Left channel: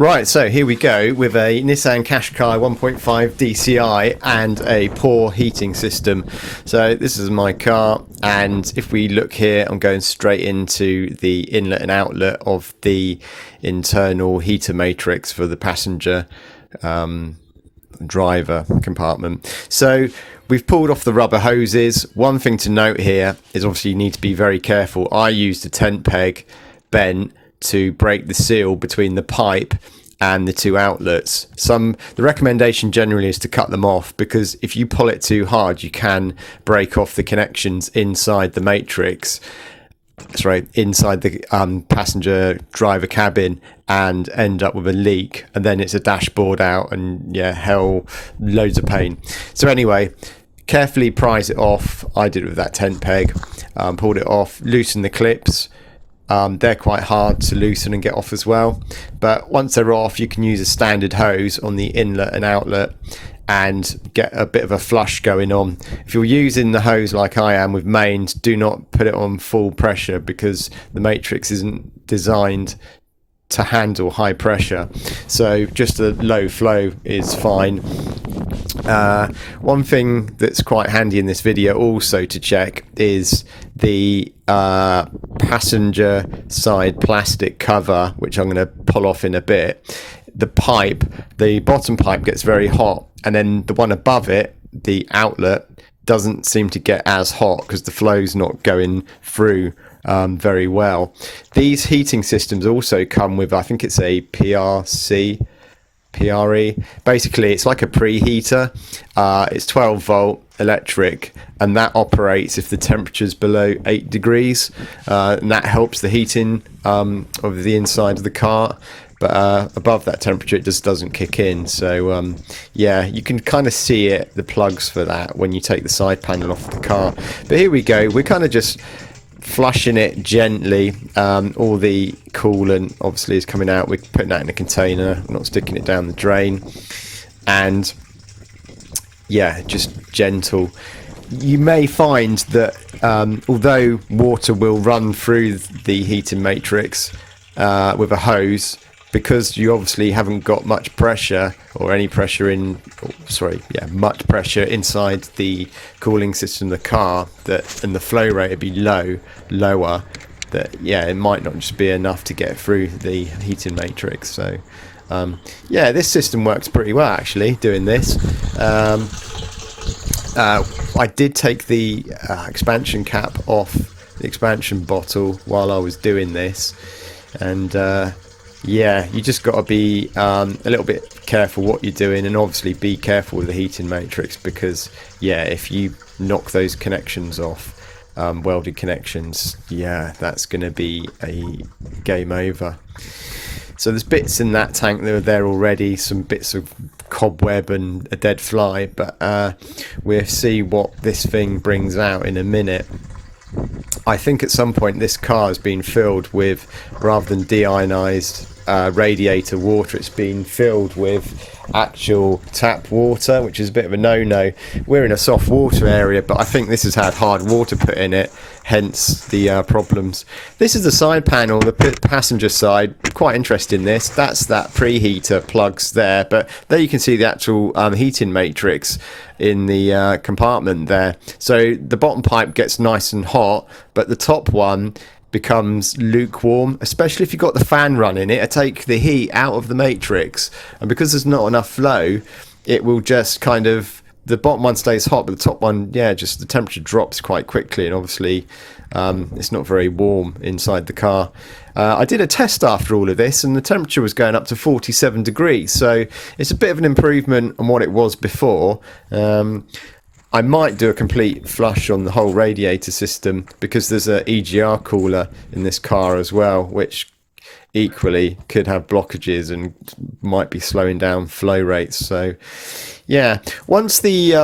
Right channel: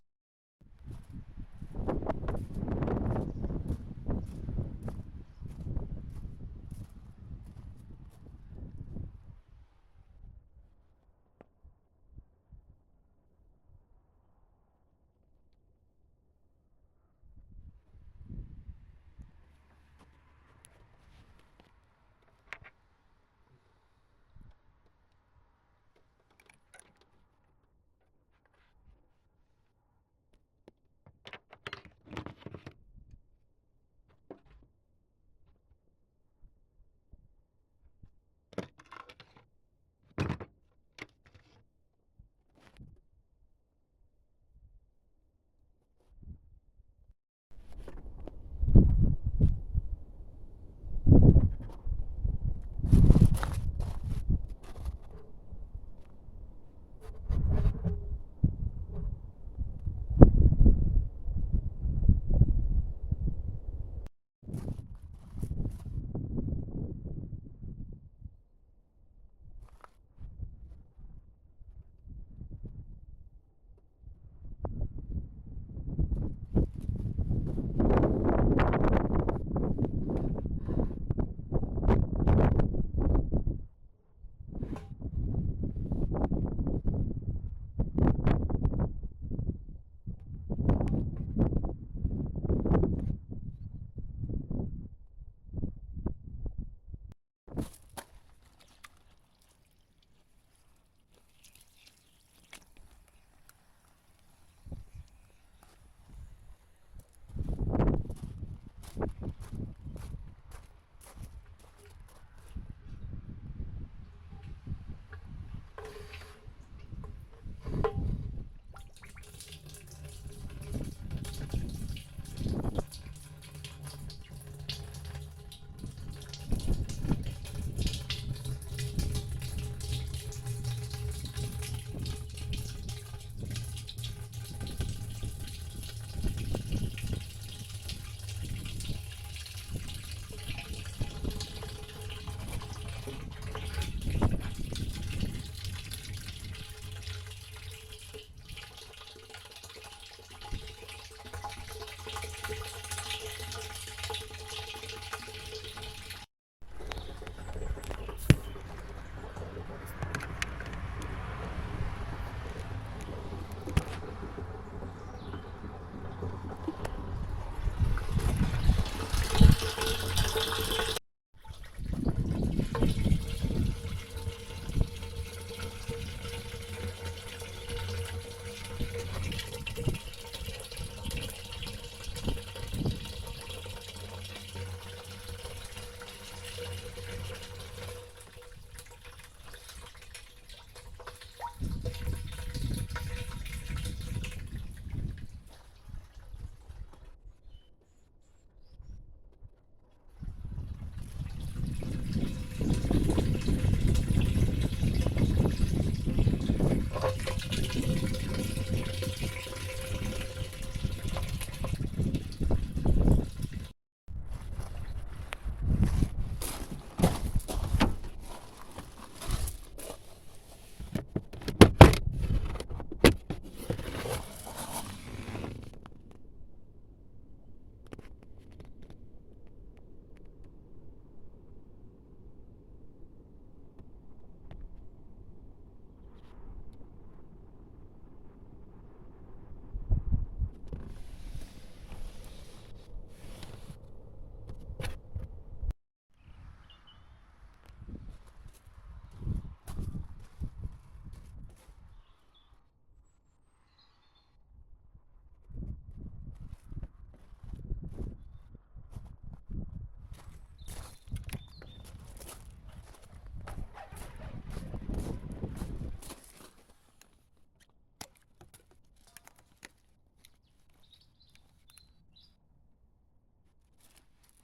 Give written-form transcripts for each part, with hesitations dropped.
Right, so here we go with a Nissan Qashqai 1.5 DCI and a poor heating system. So this is my car, and if we look here, I'm going straight into the inlet and outlet of the internal heater matrix for the passenger driver compartment. So we've pulled off the rubber hoses. One thing to note here is obviously you need to be very careful. I used a tent peg bent to break the seal between the pipe and the two outlets. The recommendation generally is to cut them off, because if you pull it too hard you can break off the connections inside the matrix, inside the passenger driver cabin, and end up with a leak, and then it's a dashboard out, and yeah, hell, loads of pain. So anyway, carefully prise it off. I did it with that tent peg. Pulled it off, loosened the clips. They're quite hard to loosen and get off as well, but once they're off you can use a standard hose on the inlet and outlet and get a bit of a flush going on. If you're using the hose like I am with mains, do not put it on full pressure, because the matrix isn't designed to handle high pressure, so just a low flow is fine. One thing that's quite handy in this video also to check is the passenger side plastic cover, which I'm going to pull off in a bit. The bottom pipe gets very hot, and then the one above it, the outlet, doesn't seem to get as hot because the flow's not going through very well. These heating systems also come with, I think it's a PRE. Basically it's like a preheater. It's 12 volt electric, and that operates if the temperature's below 8 degrees, and that helps the heating of the inside of the car. But above that temperature it just doesn't kick in. So yeah, you can kind of see it, the plugs for that, when you take the side panel off the car. But here we go, we're kind of just flushing it gently. All the coolant obviously is coming out. We're putting that in a container, not sticking it down the drain, and yeah, just gentle. You may find that although water will run through the heating matrix with a hose, because you obviously haven't got much pressure or any pressure much pressure inside the cooling system of the car, and the flow rate would be lower, that yeah, it might not just be enough to get through the heating matrix. So yeah, this system works pretty well actually doing this. I did take the expansion cap off the expansion bottle while I was doing this, and yeah, you just got to be a little bit careful what you're doing, and obviously be careful with the heating matrix, because yeah, if you knock those connections off, welded connections, yeah, that's going to be a game over. So there's bits in that tank that are there already, some bits of cobweb and a dead fly, but we'll see what this thing brings out in a minute. I think at some point this car has been filled with, rather than deionized radiator water, it's been filled with actual tap water, which is a bit of a no-no. We're in a soft water area, but I think this has had hard water put in it, hence the problems. This is the side panel, the passenger side. Quite interesting this. That's that preheater plugs there, but there you can see the actual heating matrix in the compartment there. So the bottom pipe gets nice and hot, but the top one becomes lukewarm, especially if you've got the fan running. It'll take the heat out of the matrix, and because there's not enough flow, it will just kind of, the bottom one stays hot, but the top one, yeah, just the temperature drops quite quickly, and obviously it's not very warm inside the car. I did a test after all of this, and the temperature was going up to 47 degrees, so it's a bit of an improvement on what it was before. I might do a complete flush on the whole radiator system, because there's a EGR cooler in this car as well, which equally could have blockages and might be slowing down flow rates. So yeah, once the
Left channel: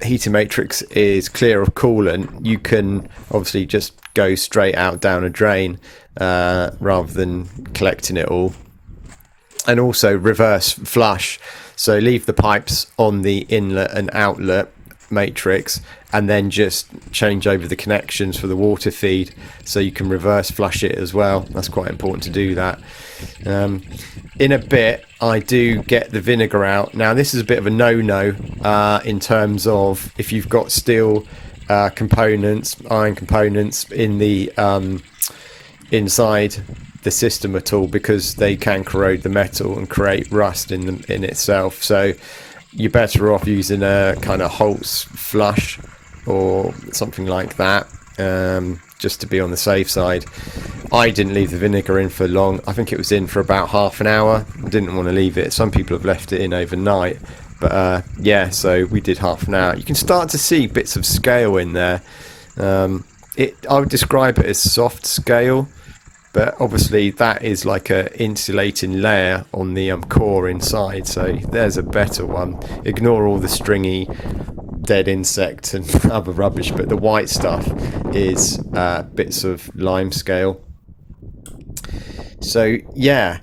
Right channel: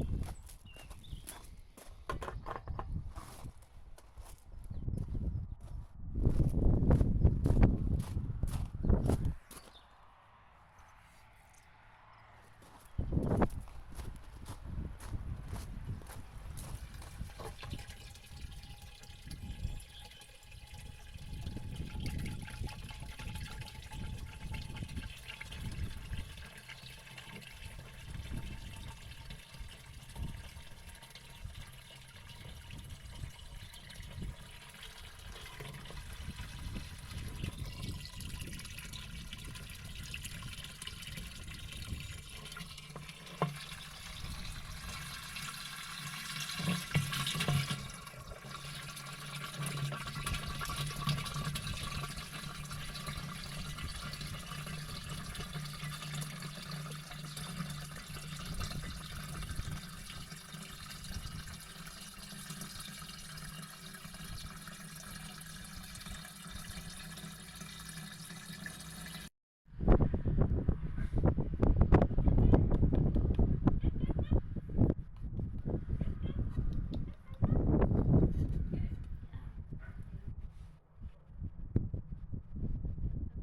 heating matrix is clear of coolant, you can obviously just go straight out down a drain rather than collecting it all, and also reverse flush. So leave the pipes on the inlet and outlet, matrix, and then just change over the connections for the water feed, so you can reverse flush it as well. That's quite important to do that. In a bit, I do get the vinegar out. Now, this is a bit of a no-no in terms of if you've got steel components, iron components in the inside the system at all, because they can corrode the metal and create rust in itself. So you're better off using a kind of Holtz flush or something like that, just to be on the safe side. I didn't leave the vinegar in for long. I think it was in for about half an hour. I didn't want to leave it. Some people have left it in overnight, but yeah, so we did half an hour. You can start to see bits of scale in there. I would describe it as soft scale, but obviously that is like a insulating layer on the core inside. So there's a better one. Ignore all the stringy dead insect and other rubbish, but the white stuff is bits of limescale. So yeah,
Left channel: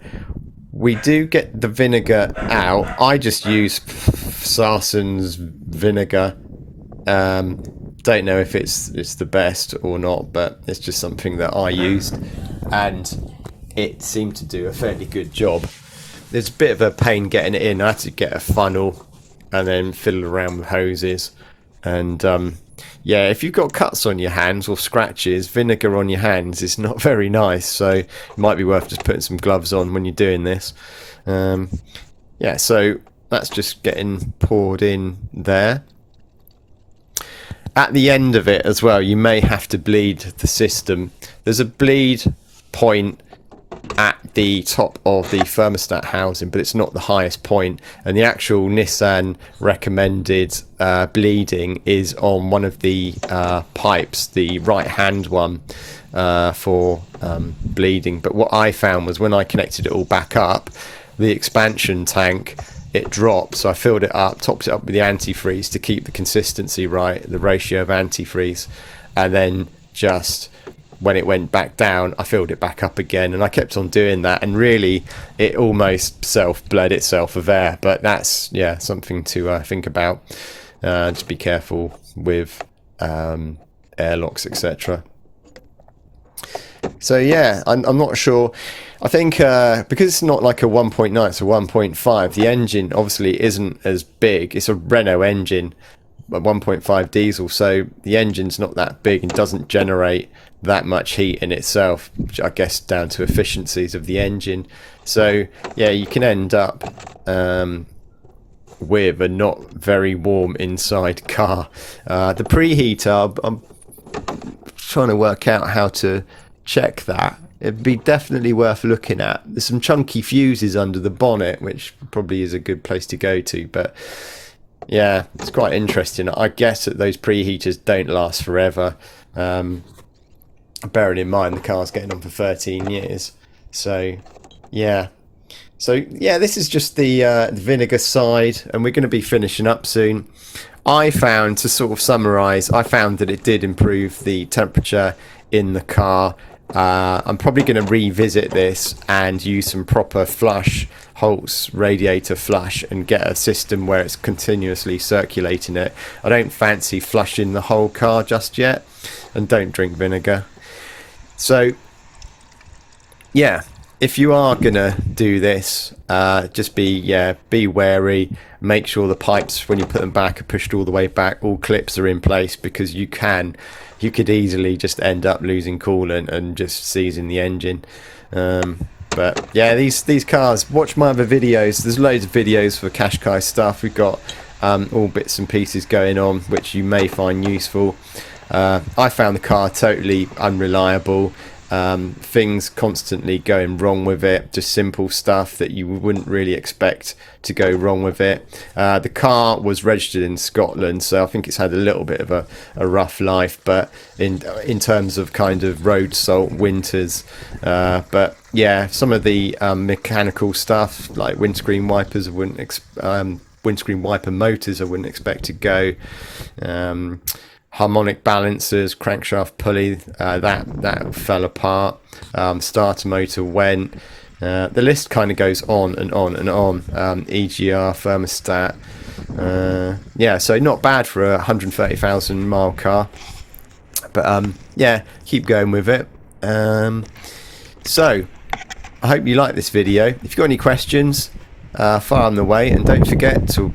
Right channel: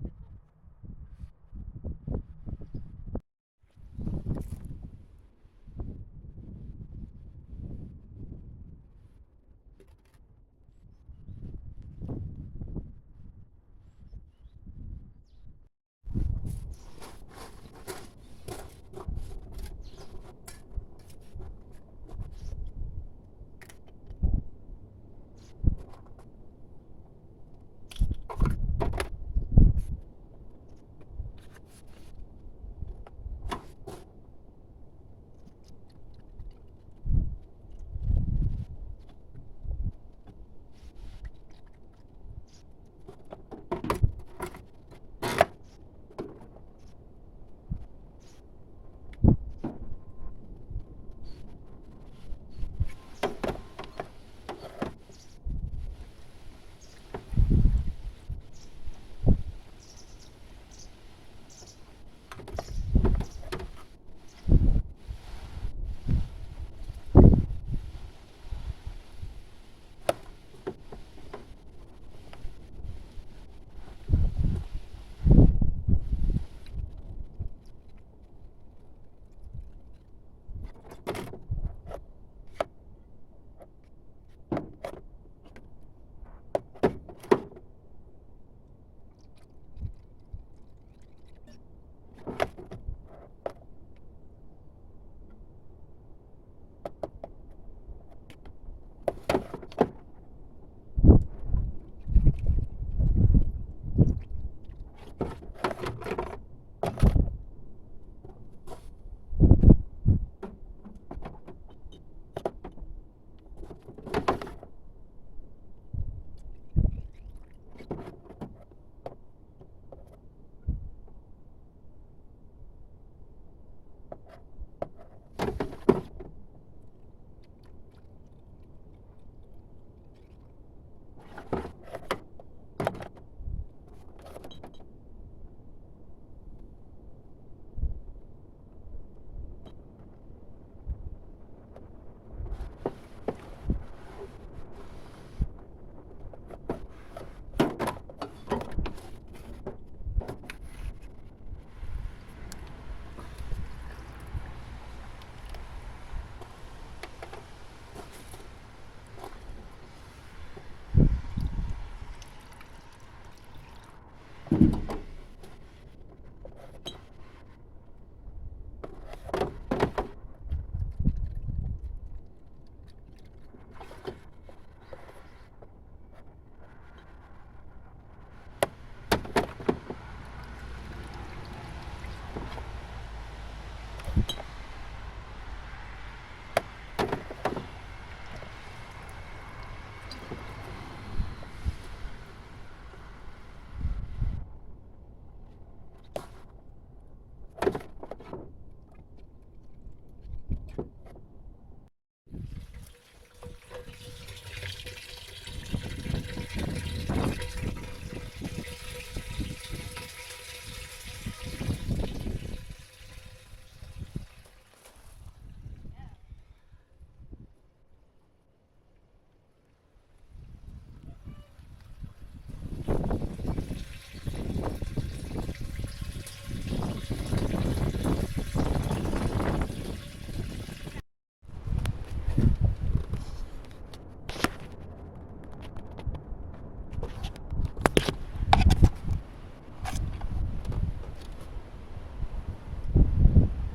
we do get the vinegar out. I just use Sarson's vinegar. Don't know if it's the best or not, but it's just something that I used, and it seemed to do a fairly good job. There's a bit of a pain getting it in. I had to get a funnel and then fiddle around with hoses, and yeah, if you've got cuts on your hands or scratches, vinegar on your hands is not very nice, so it might be worth just putting some gloves on when you're doing this. Yeah, so that's just getting poured in there. At the end of it as well, you may have to bleed the system. There's a bleed point at the top of the thermostat housing, but it's not the highest point, and the actual Nissan recommended bleeding is on one of the pipes, the right hand one, for bleeding. But what I found was when I connected it all back up, the expansion tank, it dropped, so I filled it up, topped it up with the antifreeze to keep the consistency right, the ratio of antifreeze, and then just when it went back down, I filled it back up again, and I kept on doing that, and really it almost bled itself of air. But that's, yeah, something to think about. Just be careful with airlocks, etc. So yeah, I'm not sure. I think because it's not like a 1.9, it's a 1.5, the engine obviously isn't as big. It's a Renault engine, a 1.5 diesel, so the engine's not that big and doesn't generate that much heat in itself, which I guess down to efficiencies of the engine. So yeah, you can end up with a not very warm inside car. The preheater, I'm trying to work out how to check that. It'd be definitely worth looking at. There's some chunky fuses under the bonnet, which probably is a good place to go to, but yeah, it's quite interesting. I guess that those preheaters don't last forever, bearing in mind the car's getting on for 13 years. So yeah, this is just the vinegar side, and we're going to be finishing up soon. I found, to sort of summarize, I found that it did improve the temperature in the car. I'm probably going to revisit this and use some proper flush, Holtz radiator flush, and get a system where it's continuously circulating it. I don't fancy flushing the whole car just yet, and don't drink vinegar. So yeah, if you are gonna do this, just be wary. Make sure the pipes, when you put them back, are pushed all the way back. All clips are in place, because you could easily just end up losing coolant and just seizing the engine. But yeah, these cars, watch my other videos. There's loads of videos for Qashqai stuff. We've got all bits and pieces going on, which you may find useful. I found the car totally unreliable. Things constantly going wrong with it, just simple stuff that you wouldn't really expect to go wrong with it. The car was registered in Scotland, so I think it's had a little bit of a rough life, but in terms of kind of road salt winters. But yeah, some of the mechanical stuff like windscreen wipers, windscreen wiper motors I wouldn't expect to go. Harmonic balancers, crankshaft pulley, that fell apart. Starter motor went. The list kind of goes on and on and on. EGR, thermostat, Yeah, so not bad for a 130,000 mile car. But yeah, keep going with it. So I hope you like this video. If you've got any questions, fire them the way, and don't forget to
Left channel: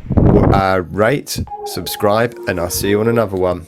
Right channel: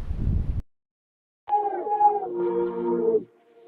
rate, subscribe, and I'll see you on another one.